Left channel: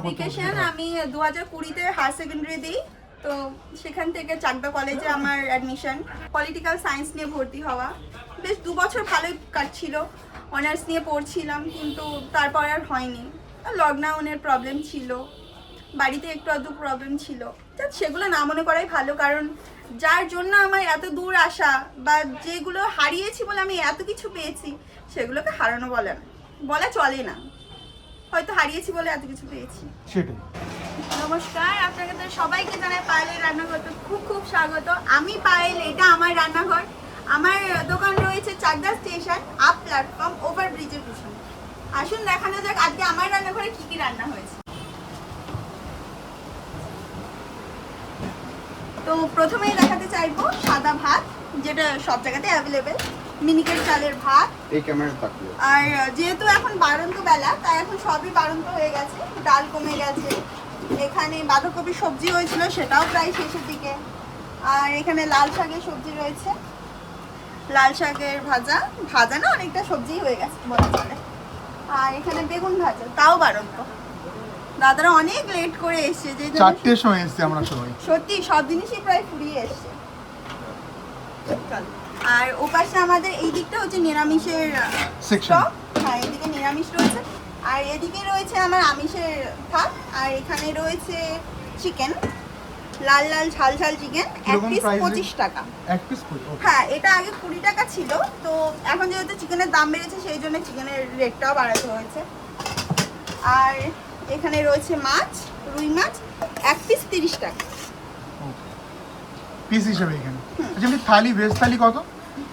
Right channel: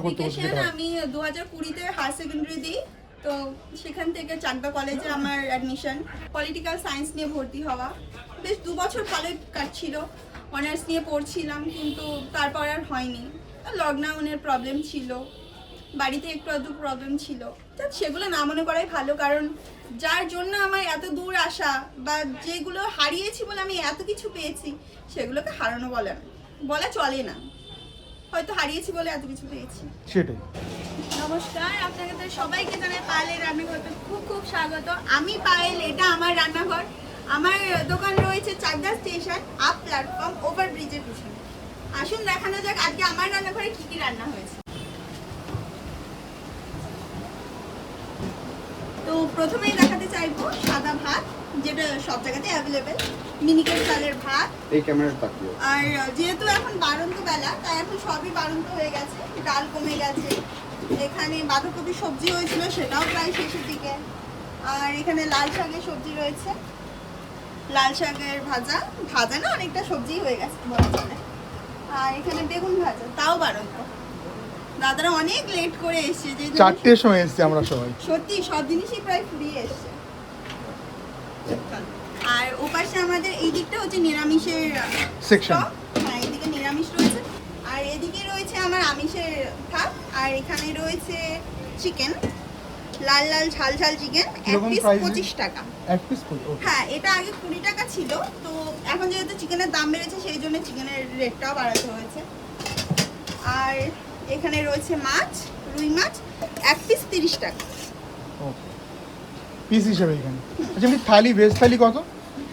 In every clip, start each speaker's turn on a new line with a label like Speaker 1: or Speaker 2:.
Speaker 1: Vacation আমি দু হাজার কুড়িতে হায়ার সেকেন্ডারি দিই তো সেখান থেকে চাকদা কলেজে আমার অ্যাডমিশন পলিটিক্যাল সায়েন্স নিয়ে ভর্তি হওয়া। বেশ দু বছর ভালোই কাটছিল। অনার্স নিয়ে পড়ছিলাম কিন্তু তারপর আর হয়নি। লকডাউনের প্রবলেম ছিল। বাড়িতে একটু আধটু প্রবলেম ছিল। তো সেগুলো না মনে করাই ভালো কারণ যার জন্য আমার এত দূর আসা বা যেগুলো হারিয়েছি বলে আমি এত কিছু পেয়েছি সেগুলোকে হারানো বলে না। বলা চলে না। হয়তো হারিয়েছি বলে এত কিছু পেয়েছি।
Speaker 2: সেটাই।
Speaker 1: নমস্কার আপনাকে তো সবাইকে জানাই পায়েলের রান্নাঘরতে খুব খুব স্বাগত। আমি পায়েল এটা আমার রান্নাঘর। আমার দোকান রয়েছে Chakdah station up platform over ব্রিজের পিছনে। আসুন দেখানো যাক আজকে আমার রান্নাঘরে কি কি রান্না হয়েছে। তো প্রথমেই দেখাতে চাইব সাদা ভাত যেটা সব জায়গাতে অ্যাভেলেবেল মিনিকেট চালের ভাত।
Speaker 3: এই ক্যামেরা তাকিও
Speaker 1: আর যেহেতু এখন বারন্ত বেলা তাই এখন সবই বারন্ত হয়ে গেছে। ডাল কমে গেছে। এখানে বাঁধাকপি সবজি হয়েছিল সেটাও প্রায় শেষের দিকে। আর এখানে লাল শাকের সবজি রয়েছে। লাল শাকের ভাজা। ভাজা না অনেকটা সবজি হয়ে গেছে বলা চলে। আর এখানে বেগুন ভাজা তাও বারন্ত দাদারা অনেক লেট করে এসছে যে
Speaker 2: চারটের সময় এসছে আমরা সবাই।
Speaker 1: সত্যি সব জিনিসই প্রায় ফুরিয়ে এসছে। আর ওপাশে আমাদের এই দিকটা হচ্ছে নিরামিষের. স্টক হ্যাঁ এদিকে নিরামিষ রয়েছে। আর এদিকে রয়েছে আমার আমিষের থাক আর এখানে রয়েছে চিকেন লাল লাল ঝাল ঝাল চিকেন এক পিস পঁচিশ টাকা। হ্যাঁ এটা আগে কুড়ি টাকা ছিল তো এখন যেহেতু চিকেনের দাম বেড়েছে সেই জন্য চিকেনের রেটটাও বাড়াতে হয়েছে। আর এখানে রয়েছে মাছ রুই মাছ এক পিস তিরিশ টাকা।
Speaker 2: পিস হিসাবে এখানে আচ্ছা আমি থালি ভেজ থালি কত?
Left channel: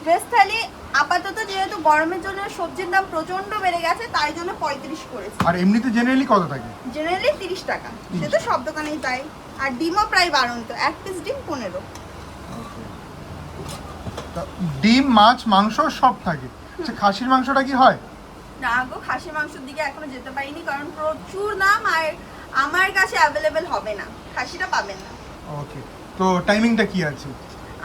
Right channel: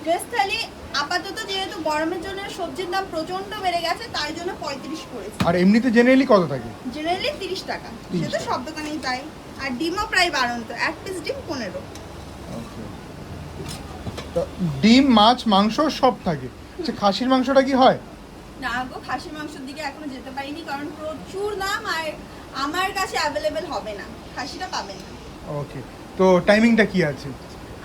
Speaker 1: ভেজ থালি আপাতত যেহেতু গরমের জন্য সবজির দাম প্রচণ্ড বেড়ে গেছে তাই জন্য পঁয়ত্রিশ করেছে।
Speaker 2: আর এমনিতে জেনারেলি কত থাকে?
Speaker 1: জেনারেলি তিরিশ টাকা। সে তো সব দোকানেই তাই। আর ডিমও প্রায় বাড়ন্ত এক পিস ডিম পনেরো।
Speaker 2: তো ডিম মাছ মাংস সব থাকে। আচ্ছা খাসির মাংসটা কি হয়?
Speaker 1: না গো খাসি মাংসের দিকে এখনও যেতে পারিনি কারণ প্রচুর দাম আর আমার কাছে অ্যাভেলেবেল হবে না। খাসিটা পাবেন না।
Speaker 2: ওকে তো টাইমিংটা কি আছে?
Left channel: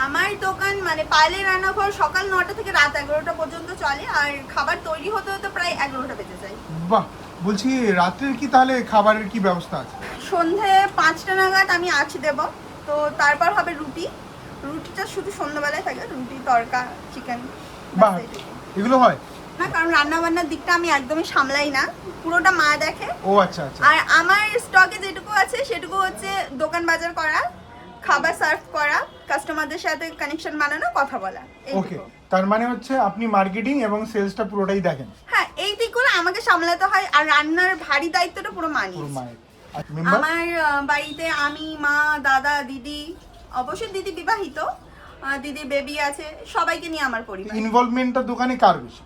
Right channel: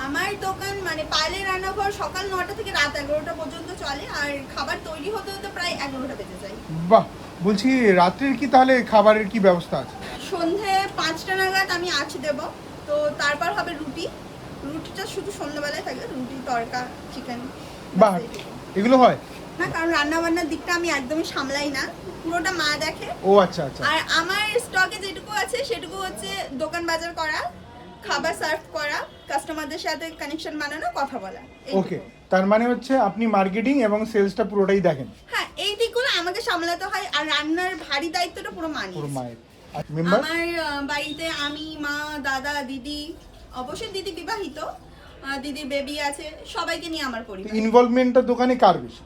Speaker 1: আমার দোকান মানে পাইলে রান্নাঘর সকাল নটা থেকে রাত এগারোটা পর্যন্ত চলে আর খাবার তৈরি হতে হতে প্রায় এগারোটা বেজে যায়।
Speaker 2: বাহ! বলছি রাত্রির কি তাহলে খাবারের কি ব্যবস্থা আছে?
Speaker 1: সন্ধে পাঁচটা নাগাদ আমি আছি দেব তো তারপর হবে রুটি। রুটিটা শুধু সন্ধ্যাবেলায় থাকে রুটি তড়কা চিকেন
Speaker 2: এগুলো হয়?
Speaker 1: না কারণ রান্না বান্নার দিকটা আমি একদমই সামলাই না পুরোটা মা দেখে।
Speaker 2: ও আচ্ছা আচ্ছা।
Speaker 1: আর আমার স্টকে যেটুকু আছে সেটুকু হচ্ছে দোকান বাজার করা খাবার সার্ভ করা কাস্টমারদের সাথে কানেকশন বানানো কথা বলা
Speaker 2: ওকে তার মানে হচ্ছে আপনি মার্কেটিং এবং সেলসটা পুরোটাই দেখেন।
Speaker 1: হ্যাঁ এই দিকগুলো আমাকে সামলাতে হয় আর রান্নার ভারী দায়িত্বটা পুরো
Speaker 2: মেম্বার
Speaker 1: আমার বাড়িতে আমি মা দাদা দিদি অবশ্যই দিদি বিবাহিত আহ, দিদি বেবি আছে সবাইকে নিয়ে আমার পরিবার।
Speaker 2: ইনভলভমেন্টটা দোকানে কার বেশি?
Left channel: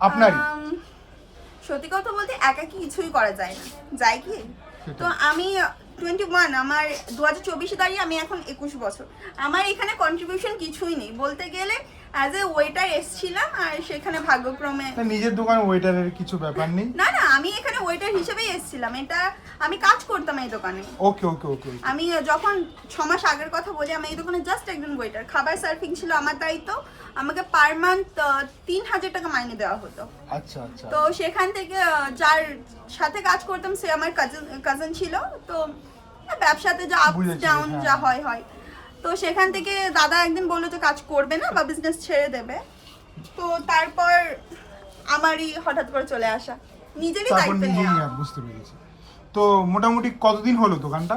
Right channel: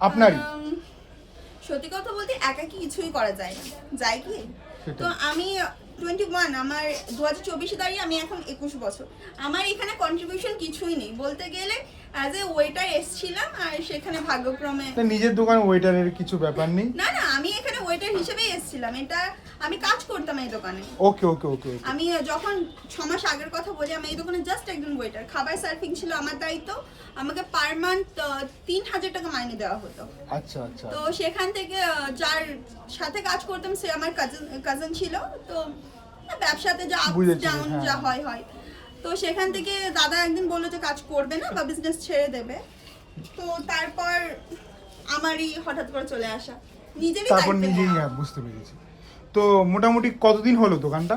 Speaker 2: আপনারই।
Speaker 1: আম, সত্যি কথা বলতে একা কি কিছুই করা যায় না। যায় কি? তো আমি টোয়েন্টি ওয়ান আমার দু হাজার চব্বিশে দাঁড়িয়ে আমি এখন একুশ বছর। আমার এখানে কন্ট্রিবিউশন কিছুই নেই। বলতে গেলে অ্যাজ এ ওয়েটার এসছিলাম আর সেখানে ভাগ্যক্রমে
Speaker 2: নিজের দোকান ওয়েটারের কিছু ব্যাপার নেই?
Speaker 1: না না আমি এখানে ওয়েটার হিসেবেই এসেছিলাম। এটা আমি কাজ করতাম এই দোকানে।
Speaker 2: ওকে ওকে ওকে
Speaker 1: আমি যখন ছ মাস আগের কথা বলি আমি এই দোকানে জাস্ট একজন ওয়েটার খাবার সার্ভিং ছিল আমার দায়িত্ব। আমাকে পার মান্থ তিন হাজার টাকা মাইনে দেওয়া হতো।
Speaker 2: আচ্ছা আচ্ছা।
Speaker 1: তো সেখান থেকে যার সাথে কাজ করতাম সে আমার কাজিন কাজিন ছিল। তো ব্যবসাতে যা
Speaker 2: আপ
Speaker 1: ডাউন
Speaker 2: হ্যাঁ।
Speaker 1: যা হয় হয়। তো সেখান থেকে দাদা একদিন বলল যে কাজ করবে না বা বিজনেস ছেড়ে দেবে। তো তারপর আমারই হঠাৎ করে চলে আসা। নিজেরই দায়িত্ব নেওয়া।
Speaker 2: বুঝতে পেরেছি। তো মোটামুটি কতদিন হলো দোকানটা?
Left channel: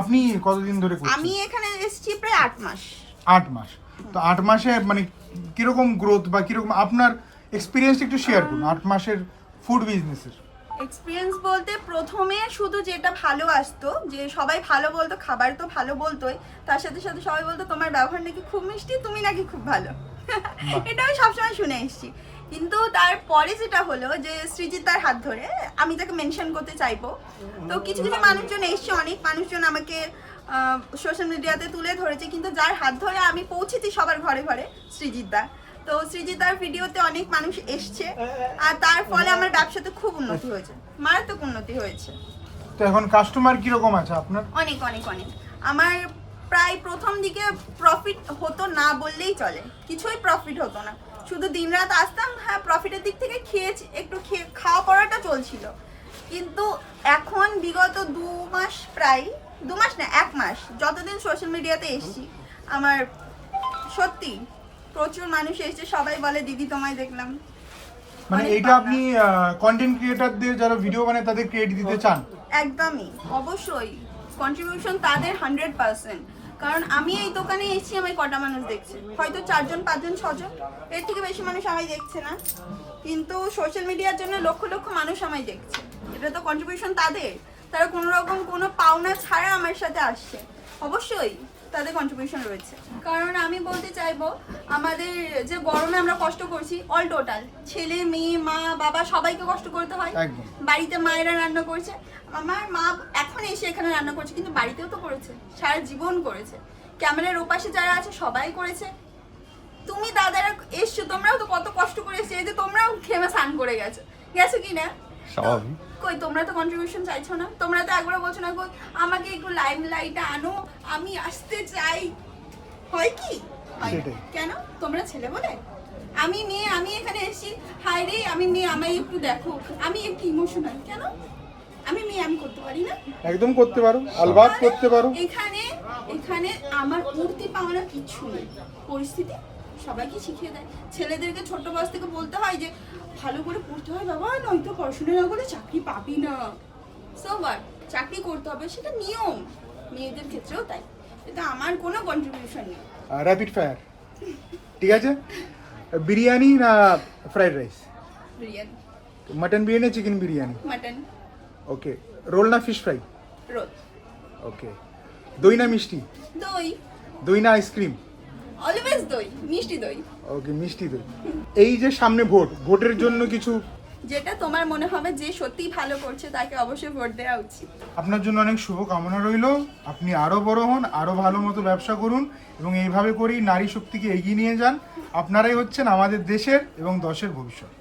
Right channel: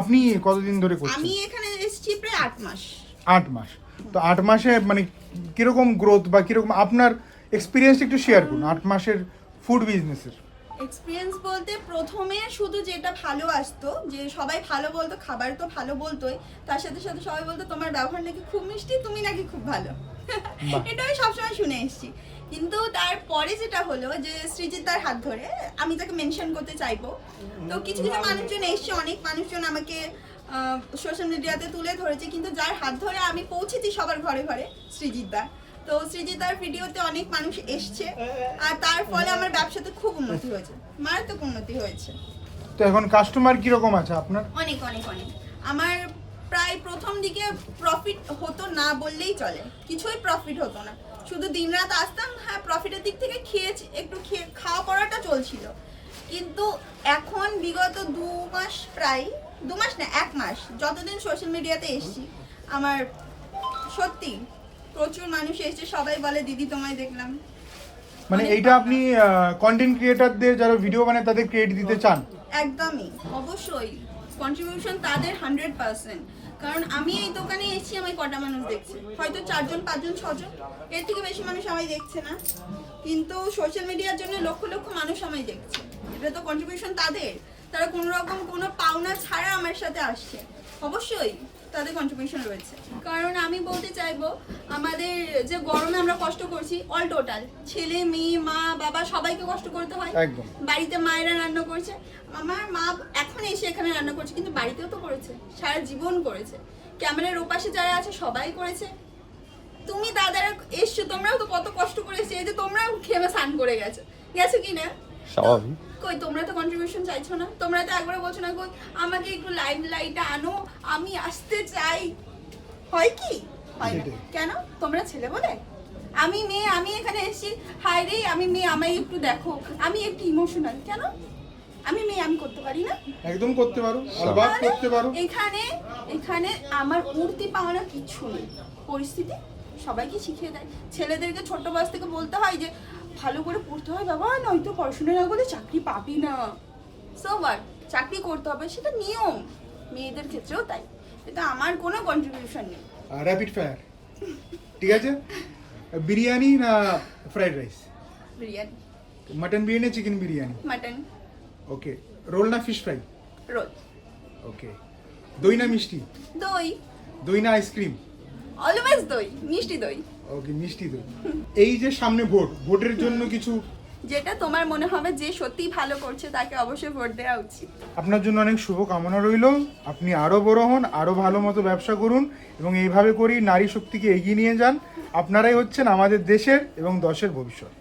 Speaker 2: আপনি কতদিন ধরে
Speaker 1: আমি এখানে এসেছি প্রায় আট মাস।
Speaker 2: আট মাস। তো আট মাসে মানে কীরকম গ্রোথ বা কীরকম আপনার এক্সপিরিয়েন্স একটু শেয়ার করুন। আট মাসের ফুড বিজনেসের
Speaker 1: এক্সপিরিয়েন্স বলতে প্রথমে শুধু যেটা ভালো আসতো যে সবাই ভালো বলতো খাবার তো ভালো বলতোই তার সাথে সাথে সবাই বলতো তোমার ব্যবহার নাকি খুব মিষ্টি তুমি নাকি খুব ভালো। এটা আমি সবসময় শুনে এসেছি। কিন্তু তারপরে যেটা হলো যে সৃজিতার হাত ধরে আমি তাকে মেনশন করতে চাইব। তো কিছু কিছু মানুষজন এসছে অনেক মানুষজন আমাকে সোশ্যাল মিডিয়াতে তুলে ধরেছে কিন্তু যার হাত ধরে আমি পৌঁছেছি সবার ঘরে ঘরে সৃজিতদা তো সৃজিতার ভিডিওতে অনেক মানুষ এসছে। আর তার ফলে আমার ব্যবসাতে খুব উন্নতি হয়েছে। মারাত্মক উন্নতি হয়েছে।
Speaker 2: তো এখন কাস্টমার কীরকম আছে আপনার?
Speaker 1: অনেক অনেক অনেক। আমার প্রায় প্রথম দিকে প্রফিট হতো না বললেই চলে। কিছুই প্রফিট হতো না। শুধু দিনরাত আসতাম হ্যাঁ প্রফিটের দিক থেকে খেয়েছি একটু খেয়ে খাওয়া পড়াটা চলছিল। কিন্তু এখন বিগত দু মাস প্রায় দু মাস না এক মাস যতদিন সোশ্যাল মিডিয়াতে এসছি আমার সত্যি প্রচুর মানুষ এসেছে সবাই বলে দিদি তোমায় দেখলাম।
Speaker 2: মানে
Speaker 1: ভাবনা।
Speaker 2: আপনি কন্টেন্ট ক্রিয়েটরদের যারা ভিডিও বানায় তাদের ক্রেডিট দিতে চান?
Speaker 1: একদমই অবশ্যই। কন্ট্রিবিউশন তাদের হান্ড্রেড পার্সেন্ট কারণ আমি এই দোকানে এসেছি আমায় কটা মানুষ দেখছে? হয়তো চারজন পাঁচজন ছজন? এর থেকে বেশি মানুষ আমায় দেখছে না। কিন্তু সোশ্যাল মিডিয়ার জন্য লক্ষ লক্ষ মানুষ আমায় দেখছে। এটা তো কন্ট্রিবিউশন তাদের। তারা কোনো রকম কোনো পাওনা ছাড়া আমার সাথে আসছে। অবশ্যই। তাদের কন্ট্রিবিউশন রয়েছে। কারণ আমি বলতে চাইব আমাদের যে গরমে আমরা কষ্ট করছি অল টোটাল ছেলে মেয়ে মা বাবা সবাইকে কষ্ট করতে হয়। বাড়িতে মায়েরা রান্না করছে আমার মা এখন এসে এখানে রান্না করছে কিন্তু বাড়িতেও তো করেছে সারা জীবন করেছে। ক্যামেরার ওপাশে যারা আছে সবাই করেছে। তুমি দাদারা এসছো তোমরাও তো কত কষ্ট করে এসছো এই যে তোমরাও খেমে স্নান করে গেছো। গেছো কি না?
Speaker 3: স্বাভাবিক।
Speaker 1: কই তোমরা তো কন্ট্রিবিউশন চাইছো না? তোমরা তো একবার বলছো না কই আমাকে একটু লাইম লাইট আনো আমি আসতে চাই। হয় কি? হয় না। কেন? তোমরা ছেলে বলে? আমি মেয়ে আমি এখানে এসেছি। রে আমি মেয়ে আমায় একটু দেখো। আমি একটু ইমোশনাল কেন? আমি মেয়ে আমি করতে পারি না?
Speaker 2: একদম করতে পারো আলবাত করতে পারো।
Speaker 1: এখানে এখানে আমার উঠতে পাওয়া কিছু নেই। পরিস্থিতি সবাইকে শিখিয়ে দেয়। ছেলেদেরকে ছোট বয়স থেকে বলতে হয় যে ভালো করে পড়তে হয় বাবা নয়তো পড়াশোনা না করলে চাকরি পাবি না। সো হোয়াট চাকরি করতে হবে সেটা নিয়ম। মেয়েদের ক্ষেত্রেও তাই। এটা আমার কোনো কন্ট্রিবিউশন নেই।
Speaker 2: র্যাপিড ফায়ার ঠিক আছে? বিরিয়ানি না fried rice
Speaker 1: biryani.
Speaker 2: Mutton biryani chicken biryani?
Speaker 1: Mutton
Speaker 2: okay roll না ফিশ ফ্রাই
Speaker 1: রোল
Speaker 2: ওকে দই না মিষ্টি?
Speaker 1: দই।
Speaker 2: দই না আইসক্রিম
Speaker 1: অলওয়েজ দই মিষ্টি দই।
Speaker 2: ওকে মিষ্টি দই এই যে সামনে ভোট ভোটের জন্য কিছু
Speaker 1: যেটা তোমার মনে হবে যে সত্যিই ভালো করছে তাকে অবশ্যই ভোট দেওয়া উচিত।
Speaker 2: আপনার জন্য অনেক শুভ কামনা রইল। আপনি আরও বড় হন আরও ভালো মতো ব্যবসা করুন এবং এইভাবে করেই নারী শক্তিকে এগিয়ে নিয়ে যান। আপনারাই হচ্ছেন আমাদের দেশের এবং দশের ভবিষ্যৎ।